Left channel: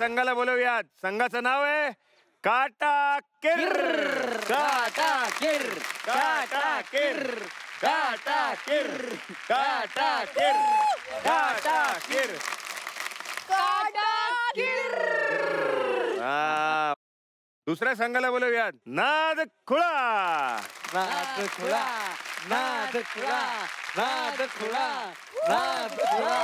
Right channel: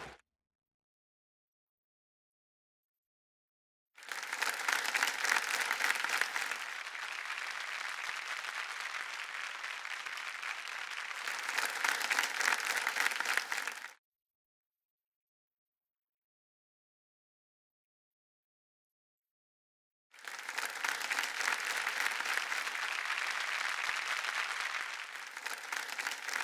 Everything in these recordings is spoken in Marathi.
संघाला बोलवूयात. संघाचं नाव आहे काटा किर. काटा किर, काटा किर, काटा किर, काटा किर, काटा किर, काटा किर. दुसऱ्या संघाला बोलवूयात नाद खुळा. नाद खुळा, नाद खुळा, नाद खुळा, नाद खुळा.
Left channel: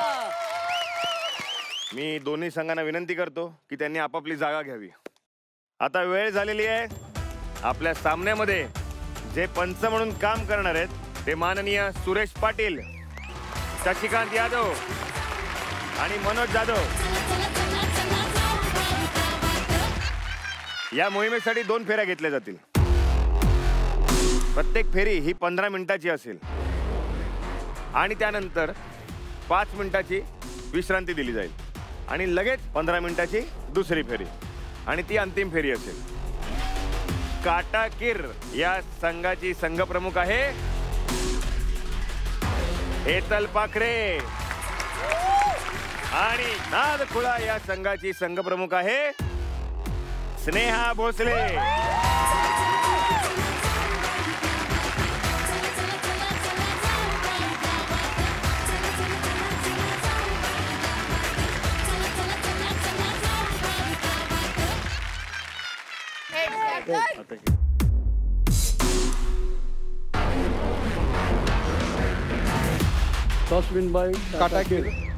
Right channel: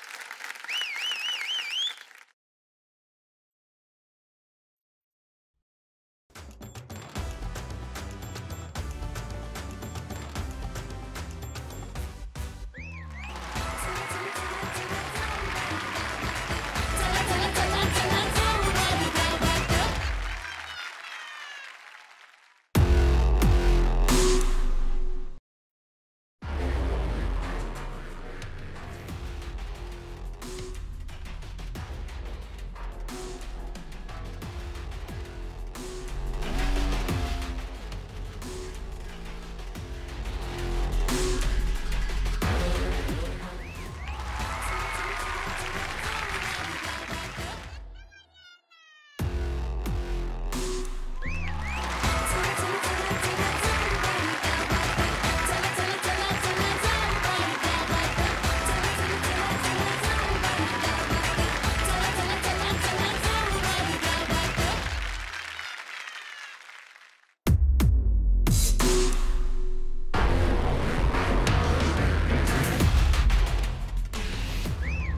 मी दोन्ही संघांना विनंती करतो की त्यांनी आपापली जागा घ्यावी. आता वेळ झालेली आहे. आपल्या सामन्यामध्ये जे पंच म्हणून काम करणार आहेत ते माननीय सुरेश पाटील, शशिकांत यादव आणि मनोज जाधव. या मोहिमेसाठी 2 फेऱ्या घेतल्या जातील. प्रत्येक फेरी ही 15 मिनिटाची असेल आणि त्यानंतर 5 मिनिटाची विश्रांती दिली जाईल आणि लगेच 15 मिनिटाची दुसरी फेरी आणि ती अंतिम फेरी असेल. काटा किर या संघाची संघप्रमुख आहे हेतल पाखरे आणि नाद खुळा या संघाची संघप्रमुख आहे स्नेहा भोसले.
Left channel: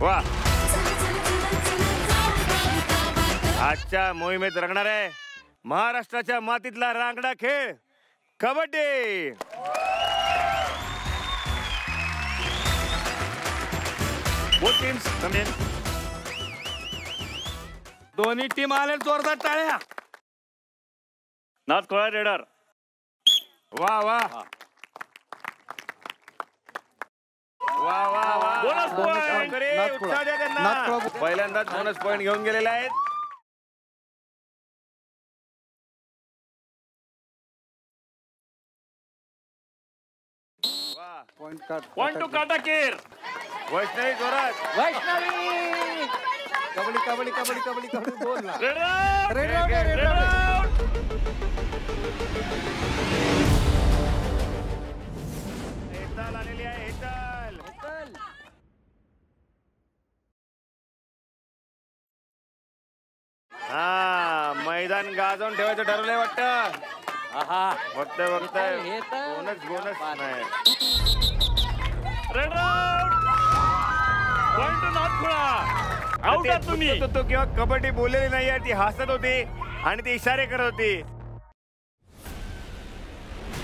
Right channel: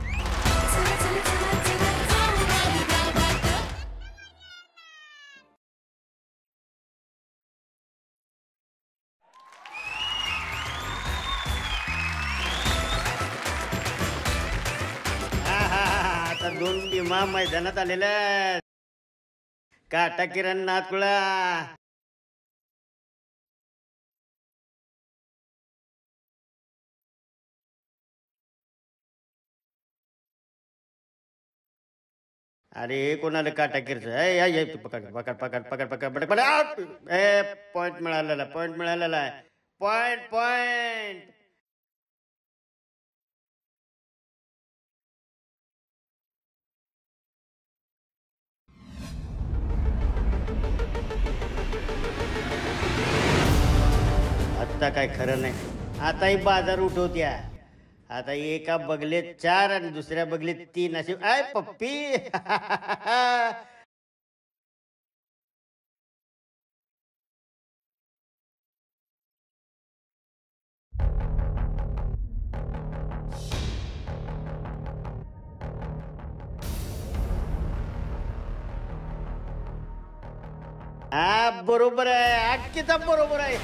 वा, आजच्या मोहिमेत रंगणार आहे महाराष्ट्राच्या मातीतला रांगडा खेळ कबड्डी. दोन टीमा मैदानात आलेल्या. दोन्ही टीम आले जोरदार टाळ्या. काटा किरण नादखुळा. नादखुळा रेडर. वा वा वा वा वा. पहिल्यांदाच बोनस पॉइंट घेऊन गेलेला आहे. अरे कोणाला काटा किरच पकड पकड पकड पकड पकड पकड पकड. पॉइंट मिळालेला, पॉइंट मिळालेला आहे. पॉइंट पॉइंट पॉइंट टू काटा किर. वैष्णवी जोरात. वैष्णवी कबड्डी कबड्डी कबड्डी कबड्डी कबड्डी बोल ना. आता काय खरं नाही. आताही बाजार उठवत्या. आता एका बगलेत 4 आणि दुसऱ्या बगलेत 3 असे. आय पप्पी. मैदान गाजवून ठेवायचं ठरवलंय वाटतं. बघतोय बघतोय. बोनस बोनस नाही. किंवा कबड्डी बोललेली नाही. ती हसत होती आणि ती इशारे करत होती. हा बरोबर आहे. अख्खीचा बरोबर आहे.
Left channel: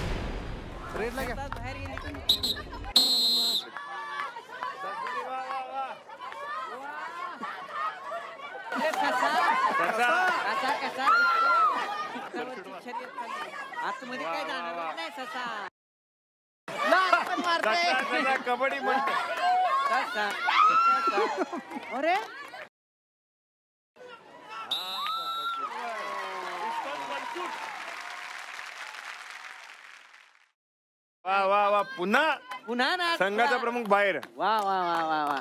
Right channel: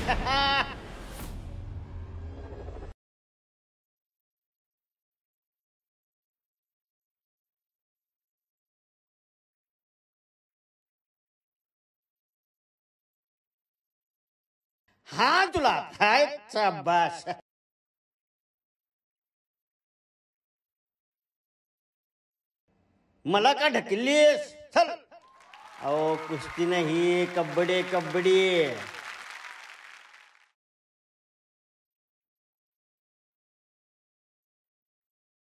हा तुला काय कबड्डी म्हणते. अरे मला का ढकललीस? अहो कुस्ती नाही, कबड्डी कबड्डी. वा वा वा. पुन्हा पुन्हा ना संघाचा प्रमुख बाहेर. वा वा वा वा वा.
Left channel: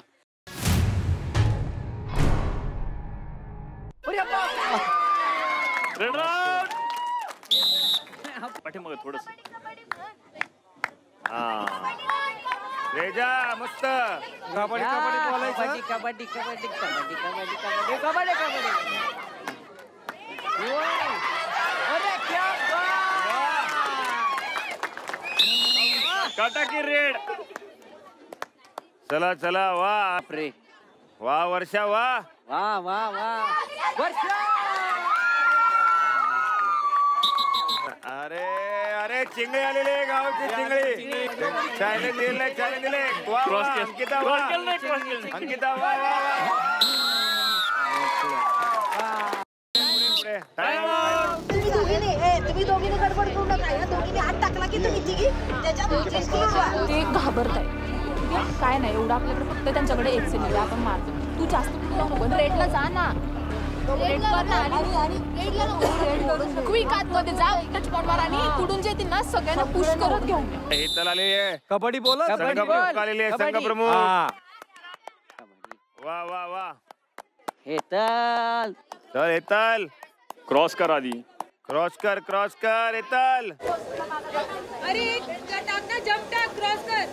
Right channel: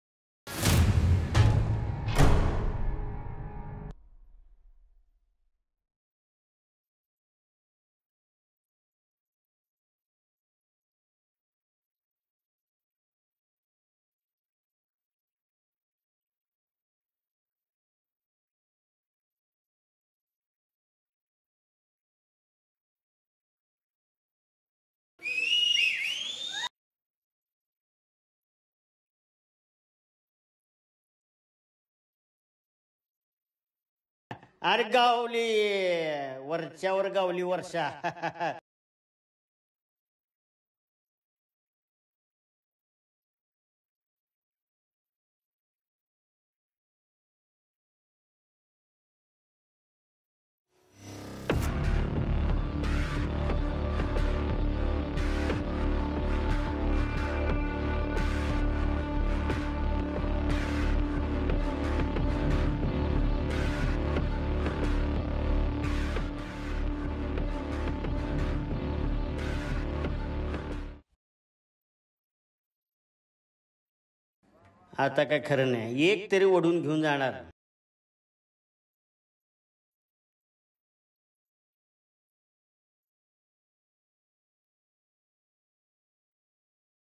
पाठीमागे थोडस. रेजा मस्त. कबड्डी कबड्डी बोलायचं. कबड्डी कबड्डी कबड्डी कबड्डी कबड्डी कबड्डी कबड्डी. अरे क्या काटा की रेड. चला चला. वा रे वा वर्षा. वा वा वा वा. वर्षा. अरे गावली वर्षावर गावली वर्षा. अरे अरे चिंगळी आलेले गावची चिंगळी. चॅलेंज दिले चॅलेंज दिले. अंकिता वा. अंकिता वा वा वा. तुम्ही दोघींनी गडबड करू नका. या दोघींनी हात टाकला की तुम्ही तिघी त्याच्यात ते घाबरताय. काय नाही एवढं आपल्याकडे फक्त त्यांच्याकडे एक सेकंद आपण मारतो. तू जास्त कुठं नको. रेडला जा ना. क्विक आतमध्ये जा. टच पॉटवर आणि कुठून जे येतील ना सगळ्यांना पुश करत घेऊन. हेतल आलेली आहे. कबड्डी बोला. संघ प्रमुख आलेली आहे. संघ प्रमुख. आता काय खरं नाही. एक तरी ओढून घेऊन जाणार. हेतल चल हेतल क्रॉस कर आधी. क्रॉस कर हेतल. अरे टाक जंप टाक क्रॉस कर.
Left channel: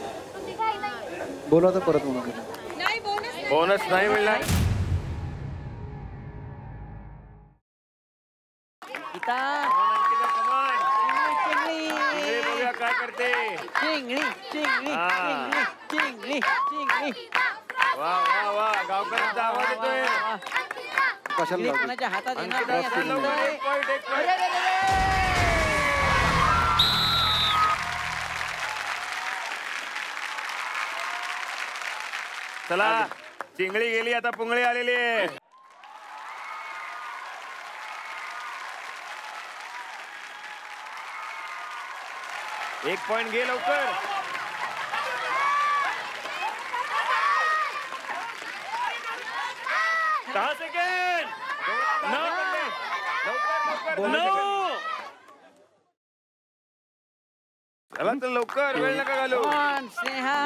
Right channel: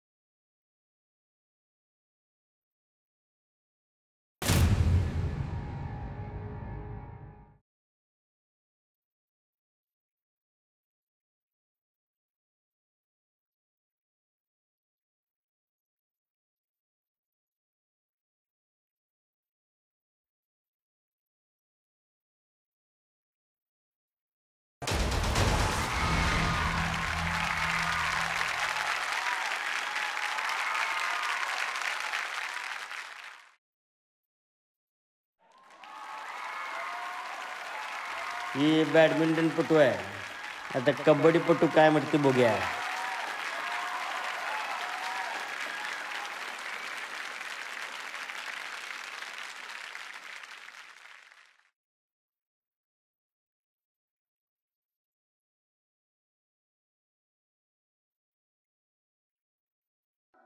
बोलवा तर परत म्हणून. नाही बोनस बोनस नाही मिळणार. Gita Ankita, come on. चिंगडी इकडे बघूया काय करते. चिंगडी चिंगडी हा. चिंगडी चिंगडी वा वा वा गावकऱ्यांचा आवाज येतोय. कशाला चिंगडी लावली? कोणाच्या हातात येणार अंकिता, नाही असं लवकर, दिसतंय. एक point, एक point. अरे, अरे, अरे, चला चिंगळी गेली आता पुंगळी आलेली आहे. ही बॅडमिंटनपटू आहे. आता कबड्डीपटू काय म्हणते बघूया. एक पॉइंट घे लवकर. दहा सेकंड. चला तर लवकर वेळ नका घालू. कोण? स्नेहा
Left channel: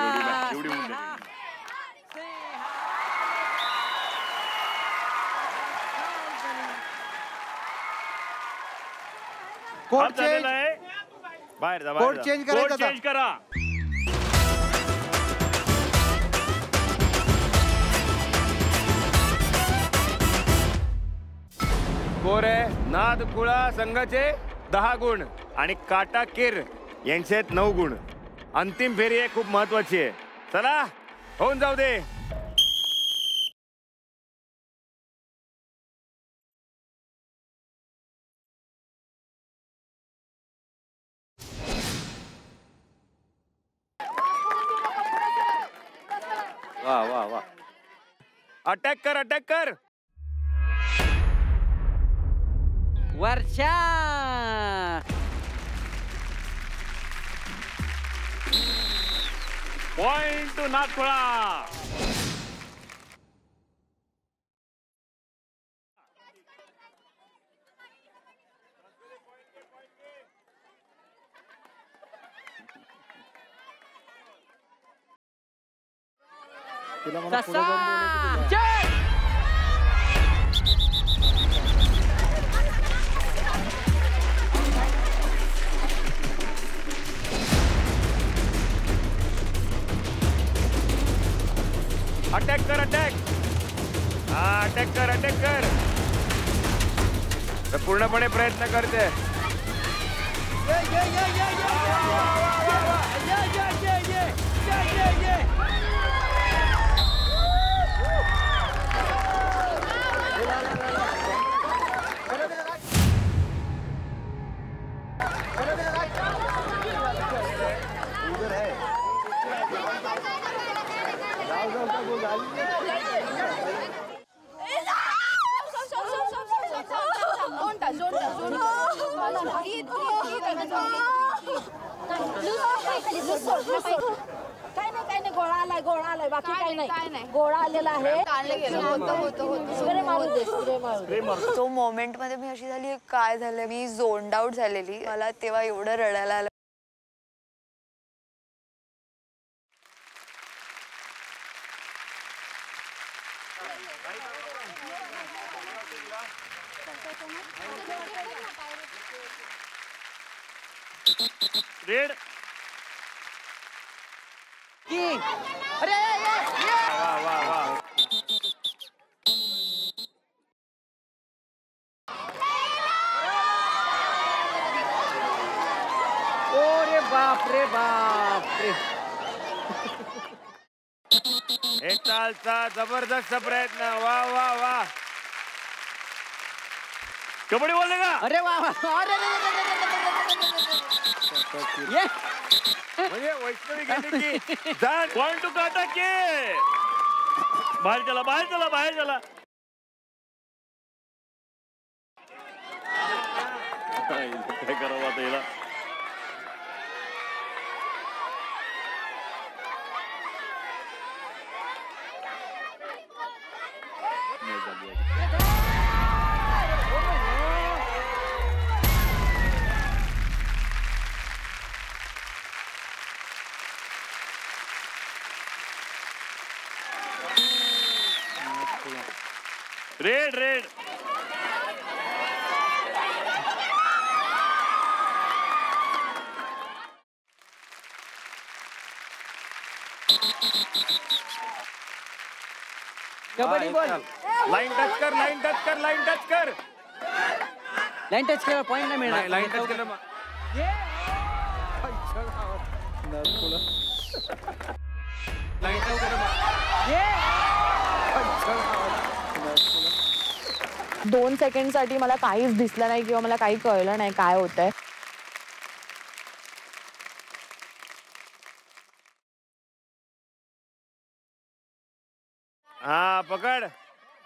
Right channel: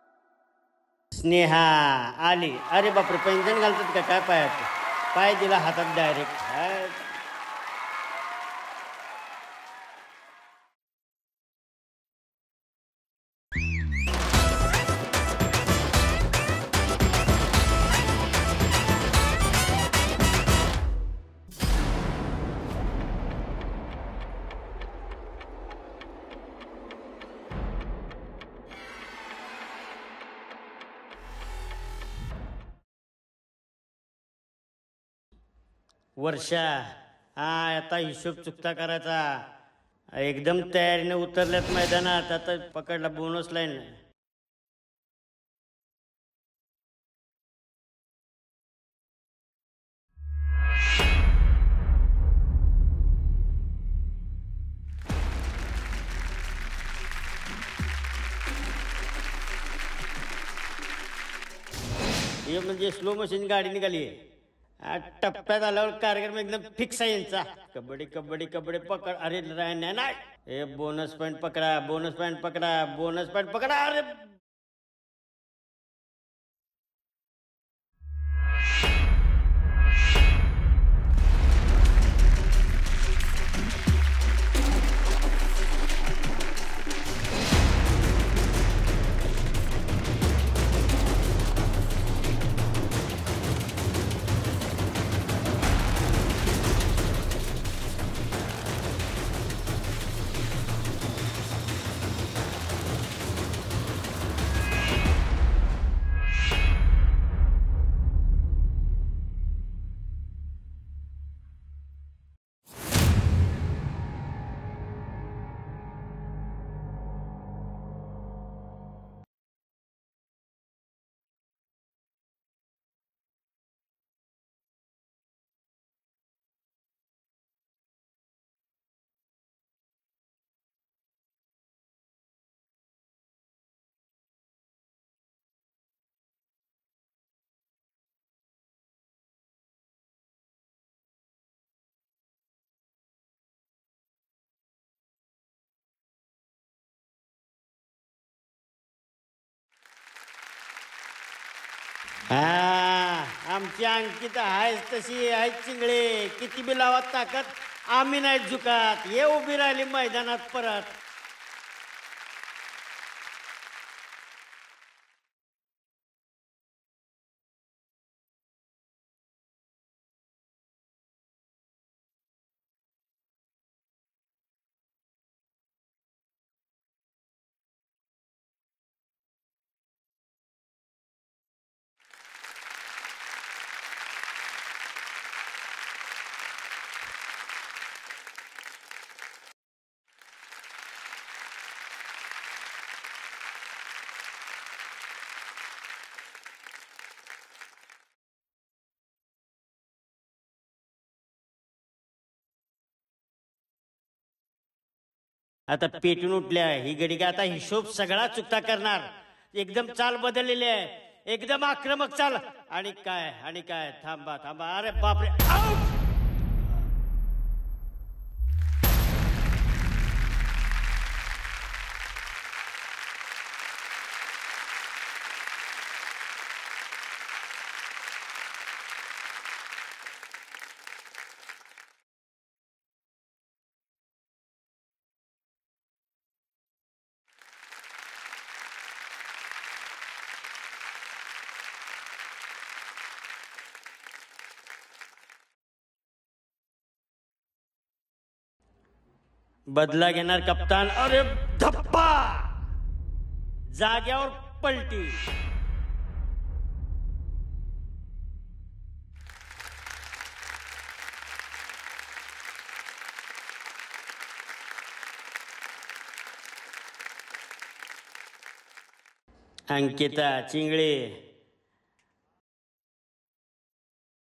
स्नेहा आली. अरे बापरे पैंजण घालतात का काय पायात. पाय दिला हातात डायरेक्ट. कोड हात झालेला चेंज. आहे. बाहेर जा कोड बाहेर जा. चेंज कोड करायचा चेंज करा. स्कोर आहे नाद कुळा संघाचे 10 गुण आणि काटा किर यांचे 9 गुण. अंतिम फेरी आहे खूप महत्वाची आहे. चला होऊन जाऊ दे. वर्षा हा आता हिशोब चुकता करायचा. एकदम तयारीने उतरल्यात मैदानात. आता पकडला बोनस लाईन. वा वा वा अटॅक कर. वर्षा पॉइंट टू नागपुरा. हे म्हणजे स्लो मशीन गाडी निघाली. टप्प्यात आल्यावर कार्यक्रम एकदम फिक्स आहे यांचा. कबड्डी पकड. अरे नाही. हे बोनस पॉईंट पकडा. अरे तिला मला पुढे तसा जाऊन बोलायचं. जय! अटॅक कर. तर पूर्णपणे प्रयत्न करते. काय नाही गोळा आलाय बाकी काही नाही. गोळा आलेला आहे. स्प्रे मारू दे. तो मोमेंट मध्ये मी अशी झाली काय झालं. मी झोन्ड आउट झालेली. मला तेव्हा एवढं रडायला आलं. आमची अंकिता आहे तशी आहे चिंगळे. किती बी लावत ताकद आम्ही नाही झुकात. ये उभी राहिली मैदानात परत. रेड. अरे वा वा वा रे बाप रे. एक चालचा जबरदस्त प्रयत्न. वा वा वा कबड्डी बोलले का. अरे वा अरे ये म्हणजे वैष्णवी गेली की जाण. पॉइंट टू काटा के. बाहेर चला. काय करावं आता हिला. आता पेटून उठल्या ही गडी का. आता हिशोब सगळा चुकता करणार. एकदम चाल बदललेली आहे. एकदम आक्रमक चाल. आणि काय थांबा. अरे बाप. Red red. Kabaddi ball. Line touch कर, लाईन टच कर, लाईन टच कर. लाईन टच केला पॉईंट नाही लाईन मिळणार. टच कर. बदला घेणार कप्तान. अरे धप्पा जाग्यावर पलटी. लाईन टच कर. 2 सेकंडसाठी मला काहीच दिसलं नाही किंवा मला काही कळलं नाही काय होतंय. अंकिता चिंगळे. हा पकड.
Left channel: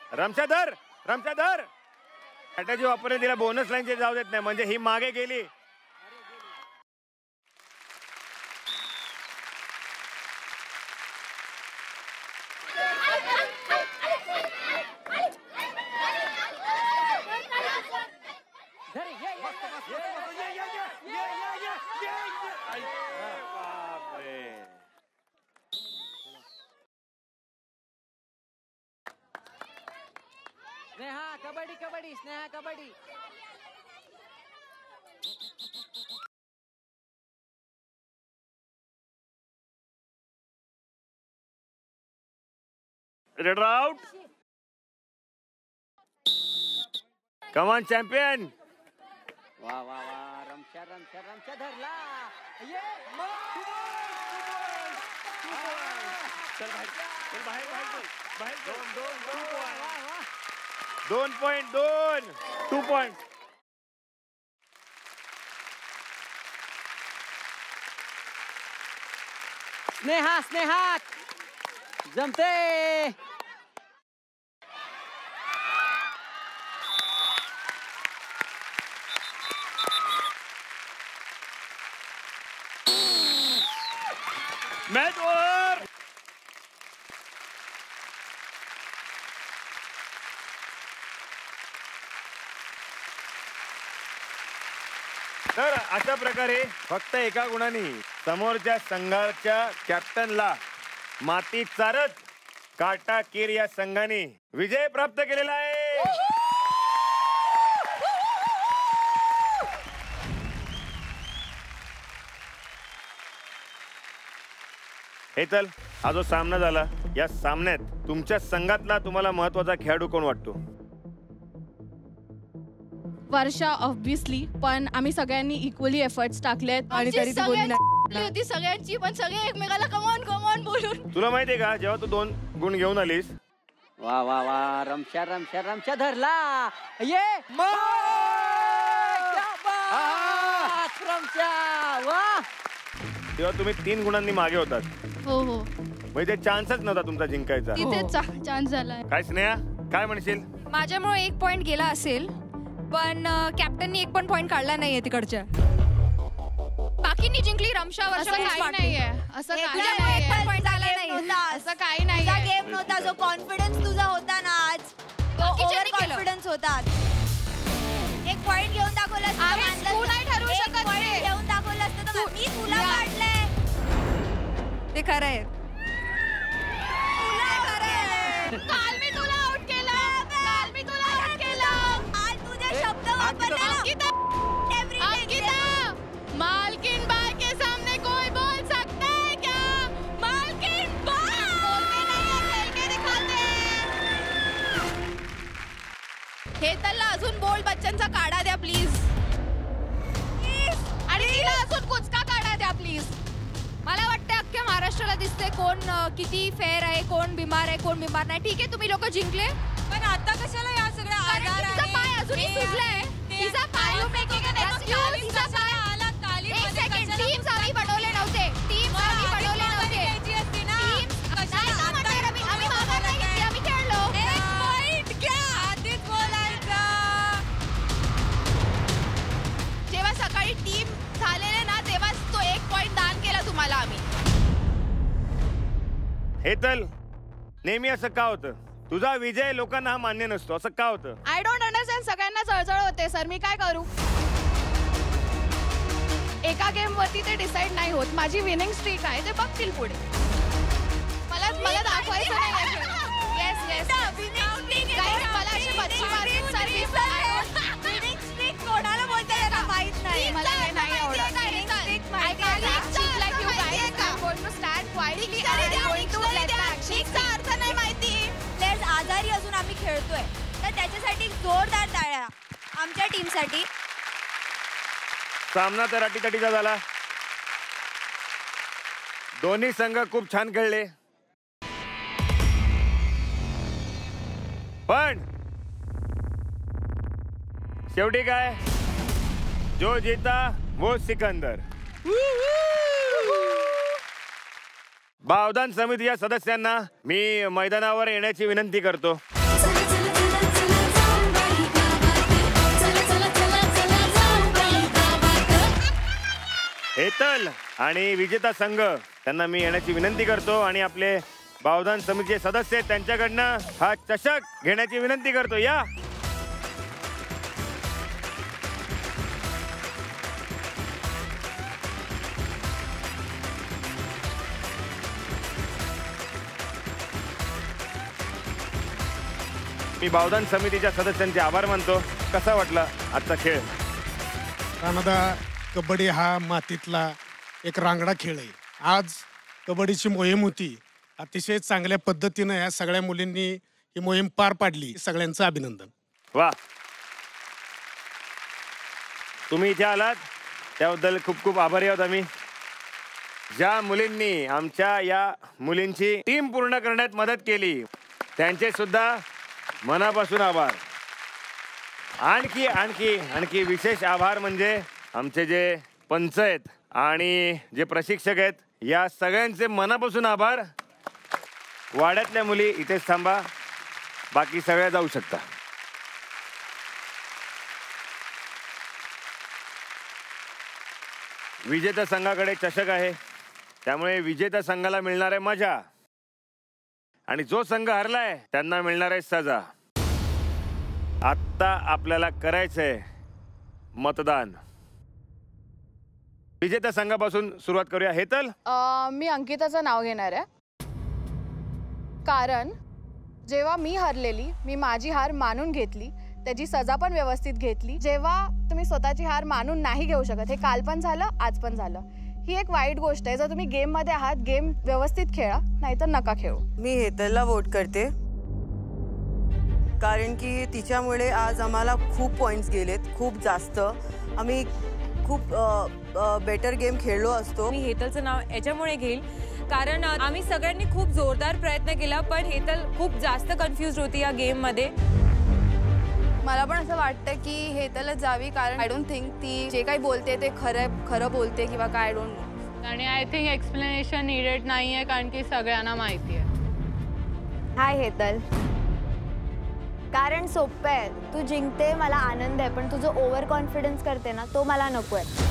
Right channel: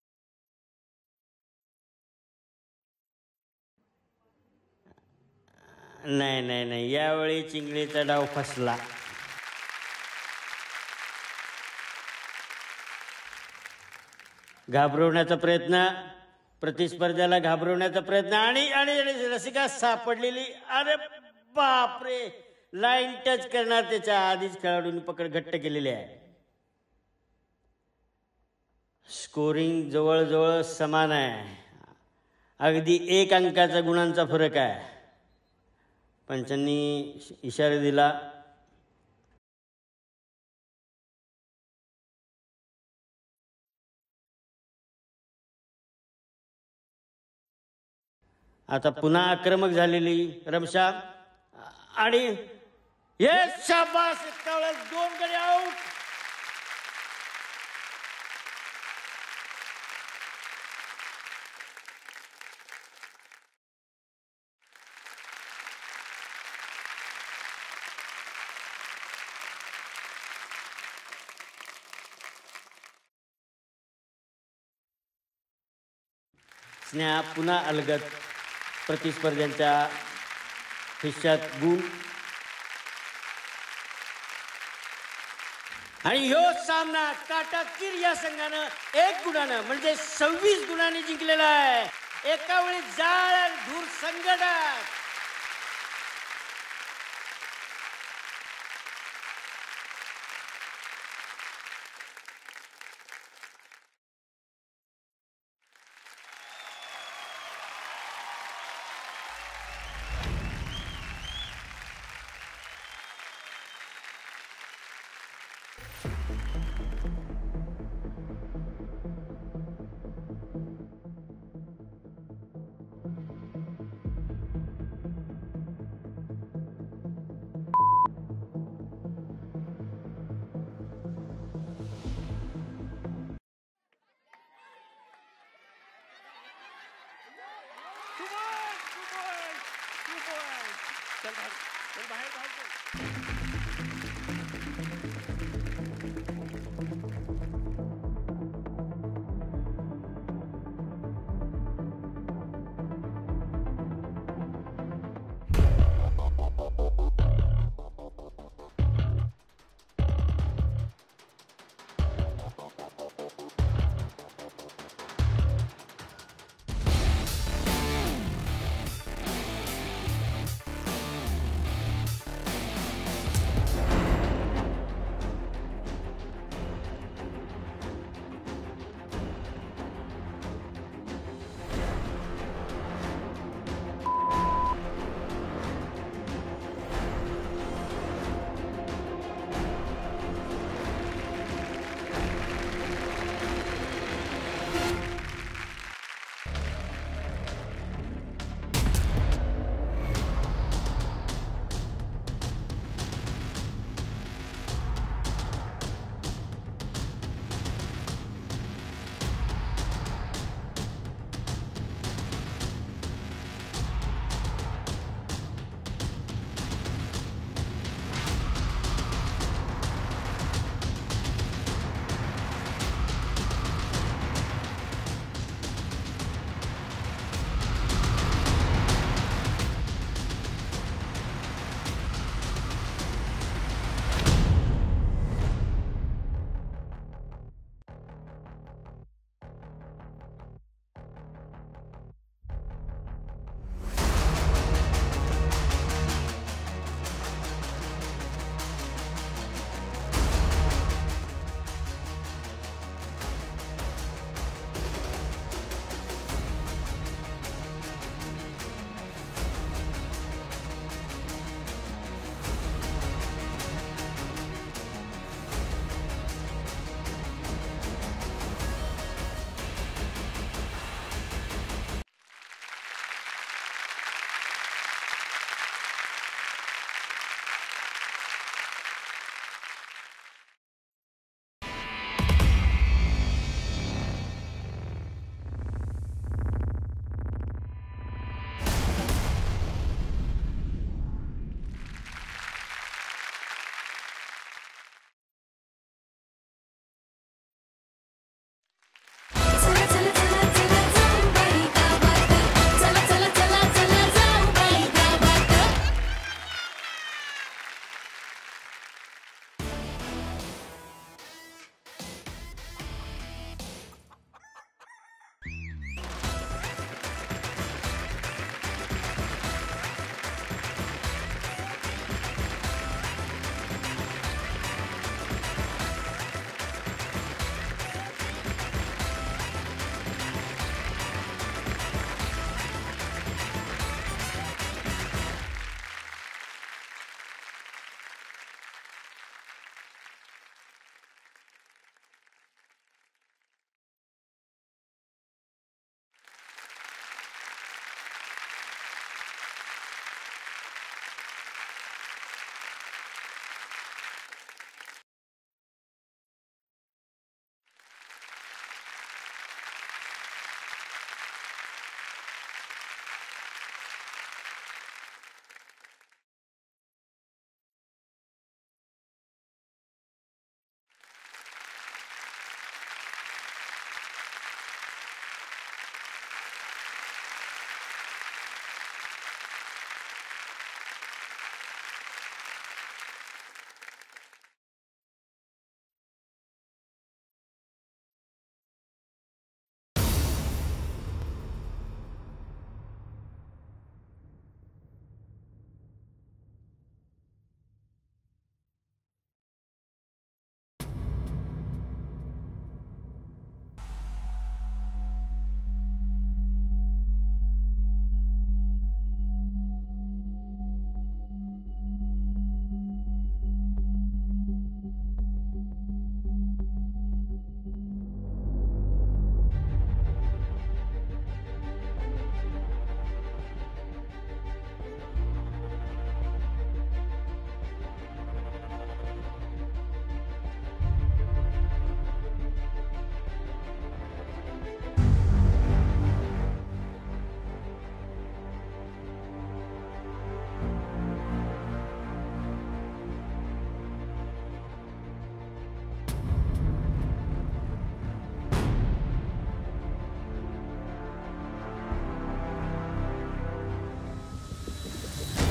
रमशाधर, रमशाधर. स्ट्रॅटेजी वापरणे तिला बोनस लाईनचे जाऊ देत नाही, म्हणजे ही मागे गेली. नाही नाही नाही, यावेळी चिंगळीचा डाव फसला. घाबरवण्याचा प्रयत्न, प्रतिस्पर्ध्याला घाबरवण्याचा प्रयत्न आणि आणि रसिका सापडलेली. अरे बापरे, लाईन टच करणार त्याच्या आधीच खेळाडूंनी पकड घट्ट केलेली आहे. स्कोरिंग जवळजवळ समान आहे, अगदी 1 अंकाचा गुणांचा फरक आहे. पंचांनी इशारा दिला. Red out. कमान चॅम्पियन. आता पुन्हा आक्रमक झालेली रमशा आणि येस शाबास. 2 गडी आउट. 2.2 2 पॉइंट. स्नेहा स्नेहा जमते. स्नेहा पुन्हा अलगद. प्रतिस्पर्ध्यांच्या खिश्यात गुण. Match over. आणि ह्यो सामना काटाकीर या संघानं 1 गुणानं म्हणजे 26 गुणांनी जिंकलेला आहे. एका वेळी जाळ आणि धूर संघटन. तर अशा प्रकारे फक्त एका गुणाने समोरच्या संघाच्या कॅप्टनला माती चारत काटाकीर या संघाने विजय प्राप्त केलेला आहे. हे चल, हा जो सामना झाला, या सामन्यात तुमच्या संघातला तुम्हाला महत्वाचा खेळाडू कोण वाटतो? वर्षा ऑब्विसली, पण आम्ही सगळ्यांनी इक्वली एफर्ट्स टाकलेत आणि तरी ती बोलली होती सगळ्यांची, पण सगळे एकमेकाला कमॉन कमॉन बोलून. तुला माहितीये का, जेव्हा तू 2 गुण घेऊन आलीस, वा वा वा, रमशा रमशा रमशा धरला. ये रमशा. वा, तेव्हा तुम्ही 3 गुणांनी मागे होतात. हो हो, म्हणजे चान्सच नव्हता तुमचा जिंकायचा. तिथे चान्स झालाय. काय स्नेहा, काय म्हणशील? माझ्यामुळे 1 पॉइंट गेला असेल, पण कॅप्टननी 1 पण पॉइंट काढला नाहीये तिकडच्या. बाकींनी जिंकली. रमशा असं वर्षा काही नाहीये, असं काही नाहीये. असं काही नाहीये. गेम नव्हता, जो कॉन्फिडन्स तुझा होता ना आज, ओव्हर कॉन्फिडन्स होता. 1 पॉइंट घेऊन दाखवला. तू नाही ठरवू शकत ते. घेऊन दाखवलं असतं तर मी तुला काढलंय. ते खरं आहे. काल मी तुला आउट केलं. काल मी तुला आउट केलं. आज तुझे शब्द वापरले. अंकिता, मालकिन बाय के सामने कोई बोल सकता है क्या? मालकिन बाय हे त्याला अजून बोल बच्चनचा काढा द्या प्लीज. आणि तिला अजून कुचका काढा द्या प्लीज. मला वाटतं अख्ख्या महाराष्ट्राला दिसतंय कोण किती फेअर आहे, कोण बिमार आहे, कोण बिमार नाही. ठीक आहे, तुम्ही लोक जिंकले, पण आता कशाला या सगळ्या आजार आहे? तिचा पाय अजूनही सुजलाय. तिचा पाय तिचा पाय. एक सेकंड, टीम्स आम्ही बनवले नव्हते. टीम्स आम्ही बनवले नव्हते. आम्ही मागं नाही घेतली, आम्ही खेळलो. जेव्हा सकाळी टीम झालेले ना, तेव्हा तो 1 पॉइंट दान केला तुम्हाला आम्ही. हे चल, नेहमी असं का होतं? तुझा विजय लोकांना हा मान्य नसतो, असं का होतं? I don't understand. सगळ्यांना जळजळ होते सर, मी काय करू? एका गेम वरती ते डिसाइड नाही होत. माझी विनिंग स्ट्रीक आहे, ते बघतील पुढे. मला दाखवायचं नाही. येस येस, मला सामना तर अटीतटीचा झाला. दोन्ही संघ खूप छान खेळले, पण शेवटी काय, जो जीता वो सिकंदर. बावधान समितीच्या सदस्यांना मी मैदानावर येण्याची विनंती करतो. हेतल आणि विजेता संघ त्यांना मी येण्याची विनंती करतो आणि आपले बावधान समितीचे सदस्य त्यांच्याकडनं हा चषक घेण्याची विनंती करतो. या मी बावधान समितीच्या सदस्यांचे आभार मानतो. कसा वाटला आजचा खेळ? राणादा, कबड्डी हा मातीतला एक रांगडा खेळ आहे. आज कबड्डीची मोहीम होती. अतिशय चांगल्या पद्धतीनं ह्या सगळ्या मुलींनी ही मोहीम पार पाडली. सगळ्यांचं अभिनंदन. वा, तुम्ही इथे आलात त्याबद्दल खूप खूप आभारी आहोत आम्ही. ज्या मुलींनी आमच्या या मुलींची टीम पूर्ण करण्यात मदत केली त्यांचे सुद्धा मनापासून आभार. आणखी आणखी आणखी विशेष आभार म्हणजे आमचे जे पंच आहेत आणि जे प्रशिक्षक आहेत, या सगळ्यांचे मनापासून आभार. वाड्यातल्या मुली इथेच थांबा, बाकी सगळ्या जाऊ शकता. विजेत्या संघाकडे चषक आहे, त्यामुळे विजेत्या संघाला मिळणार आहे मजा आणि जो संघ हरलाय त्यांना मिळणार आहे सजा. आता आपल्याला करायचंय मतदान. विजेत्या संघापासून सुरुवात करूया. हेतल, मी अंकिताचं नाव घेणार आहे, कारण जेव्हा मी हरलेली, मी माझी हार मानून घेतली, त्याची सजा पण व्यवस्थित घेतली. जेव्हा तुम्ही स्वतःची हार मानून नाही घेऊ शकत, हे काल पण झालं, आज पण झालं, ही एक वाईट गोष्ट आहे. जर तुम्ही गेम मध्ये आहात, गेम व्यवस्थित खेळा, नाहीतर नका खेळू. मी हेतलला वोट करते, कारण की तिच्यामुळे आज आम्हाला खूप पॉईंट्स गेलेत, खूप जास्त. आम्ही खूप बेटर गेम खेळलो असतो. मी हेतलचं नाव याच्यामुळे घेईल कारण आम्ही सगळ्यांनी खूप जोरदार प्रयत्न केला, पण हेतल खूप जास्त कन्फ्युज होती या गेममध्ये. मला पण असं वाटतं की हेतलच जावी, कारण आय डोंट थिंक ती जे काही बोलते ते खरं बोलते किंवा काय, आय डोंट नो. आणि आय थिंक एक्सप्लेनेशन नीडेड नाही आहे, कारण की सगळ्यांना माहिती आहे. हाय हेतल, कारण सोपं आहे, तू जिंकते मला आनंद आहे, पण तुझं ओव्हर कॉन्फिडन्स करते ना, तो मला नको आहे.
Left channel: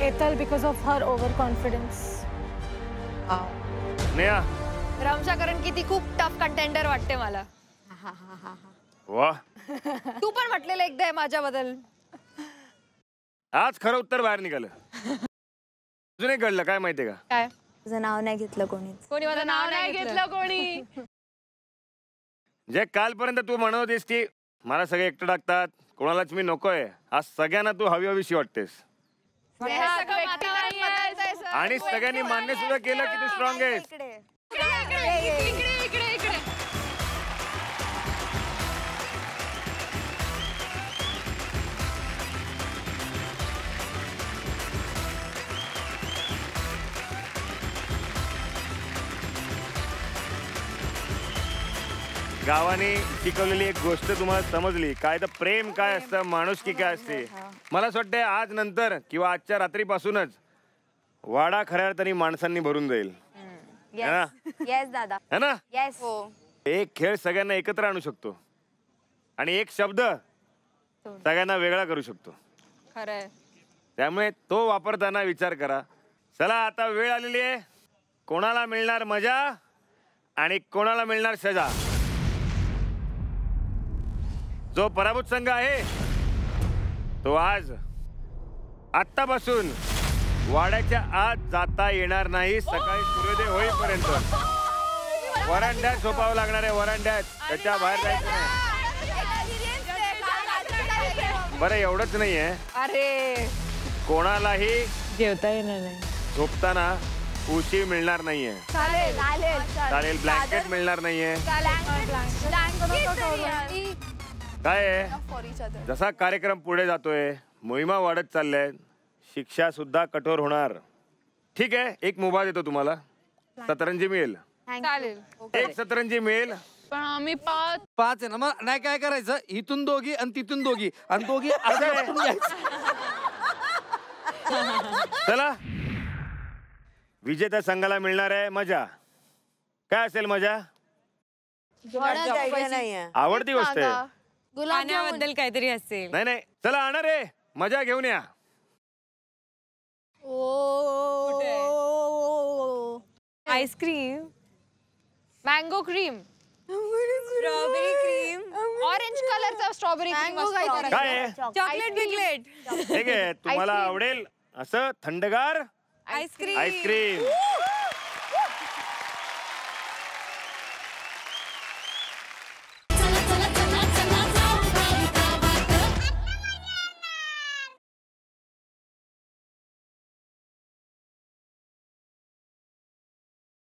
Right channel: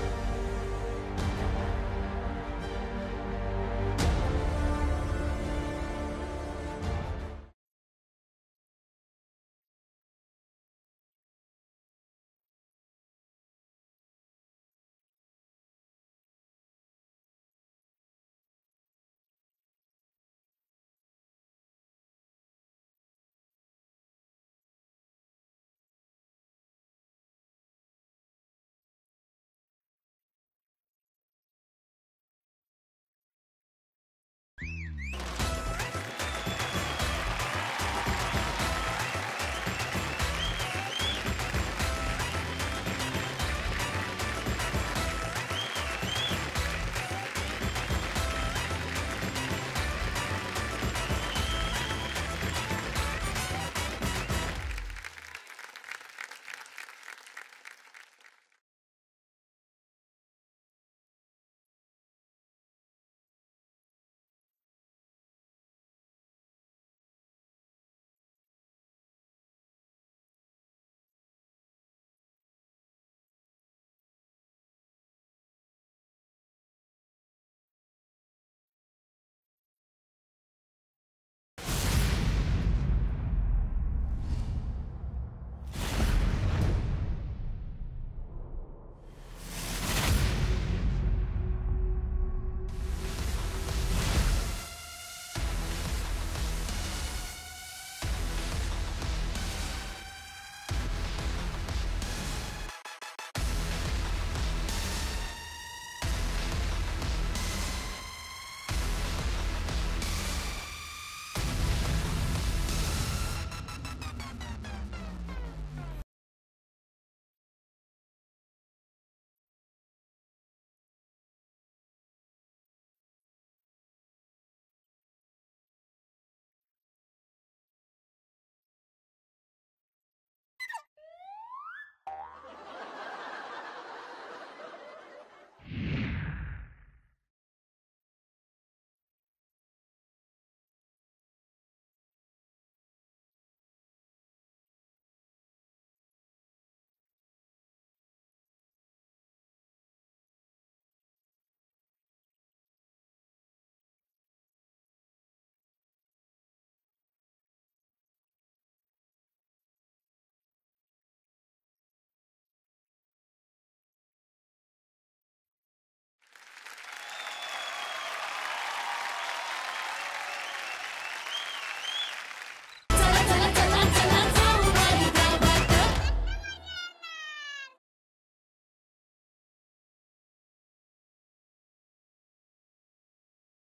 Hetal because of her over confidence. Neha, Ramsha, कारण की ती खूप टफ कंटेंडर वाटते मला. वा, तू पण म्हटलेलं एकदा माझ्याबद्दल. आज खरं उत्तर बाहेर निघालं. अजून एक घडलं, काय माहितीये का? काय? तुझं नाव नाही घेतलं कोणी माझं नाव नाही घेतलं कोणी. जे कालपर्यंत तू म्हणत होतीस की मला सगळे एकटं टाकतात, कोणालाच मी नकोय, आज सगळ्यांना तू हवी हवीशी वाटतेस आणि सगळ्यांनी मान्य सुद्धा केलं की तू स्ट्रॉंग आहेस. गावाने शिकवलेली एक गोष्ट तुम्हाला समजली, काय तर प्रेम काय असतं, माणुसकी काय असते. मला असं वाटतंय आज नंतर किंवा आजच्या रात्रीपासूनच वाडा खऱ्या अर्थाने माणसांनी भरून जाईल. येस दादा, है ना? येस. एक खेळ सगळ्यांना एकत्र आणू शकतो आणि एक शब्द सगळ्यांना वेगळा करू शकतो. खरंय. त्यामुळे तो वापरताना विचार करा. चला, आता वेळ आलेली आहे. कोणाला मिळणार मजा आणि कोणाला मिळणार सजा? जो पराभूत संघ आहे तो आज आत्तापासून वाड्याच्या आत जाता येणार नाही सकाळी सूर्योदय होईपर्यंत. वरांड्यात झोपावं लागणार आहे, वरांड्यात, त्याच्या बाहेर जायचं नाही. बरं, एवढंच नाहीये, अरे कोणालाही जेवता येणार नाही, झोपताना उशी मिळणार नाहीये. चालेल, ब्लँकेट मिळणार नाहीये. काय आहे, जसा कार्यक्रम पुढे जातोय, मोहिमा वाढत चालल्या शिक्षा सुद्धा कठोर होणार. ठीक आहे, एक मोबा देतो तुम्हाला. सतरंजी मिळेल. चालेल. एक सतरंजी मिळेल. पण आम्ही 5 आहे ना, मग नाही काय करायचं, इथून दोघी आणि तिथून दोघी आणि दोघी असं लटकून घ्यायचं. चला, विजेत्या संघाला मिळणार आहे मजा. काय असेल मजा? आवडती गोष्ट आहे. गाण्याबद्दल काहीतरी असेल. नाही नाही, चला आणणार आहे, मजा घेऊन या. Ice cream, mango cream, strawberry cream, orange कलरचा स्ट्रॉबेरी क्रीम काय आहे? चॉकलेट बिकलेट, ठीक आहे, तुम्हाला आवडेल असं थंडगार आईस्क्रीम. आईस्क्रीम.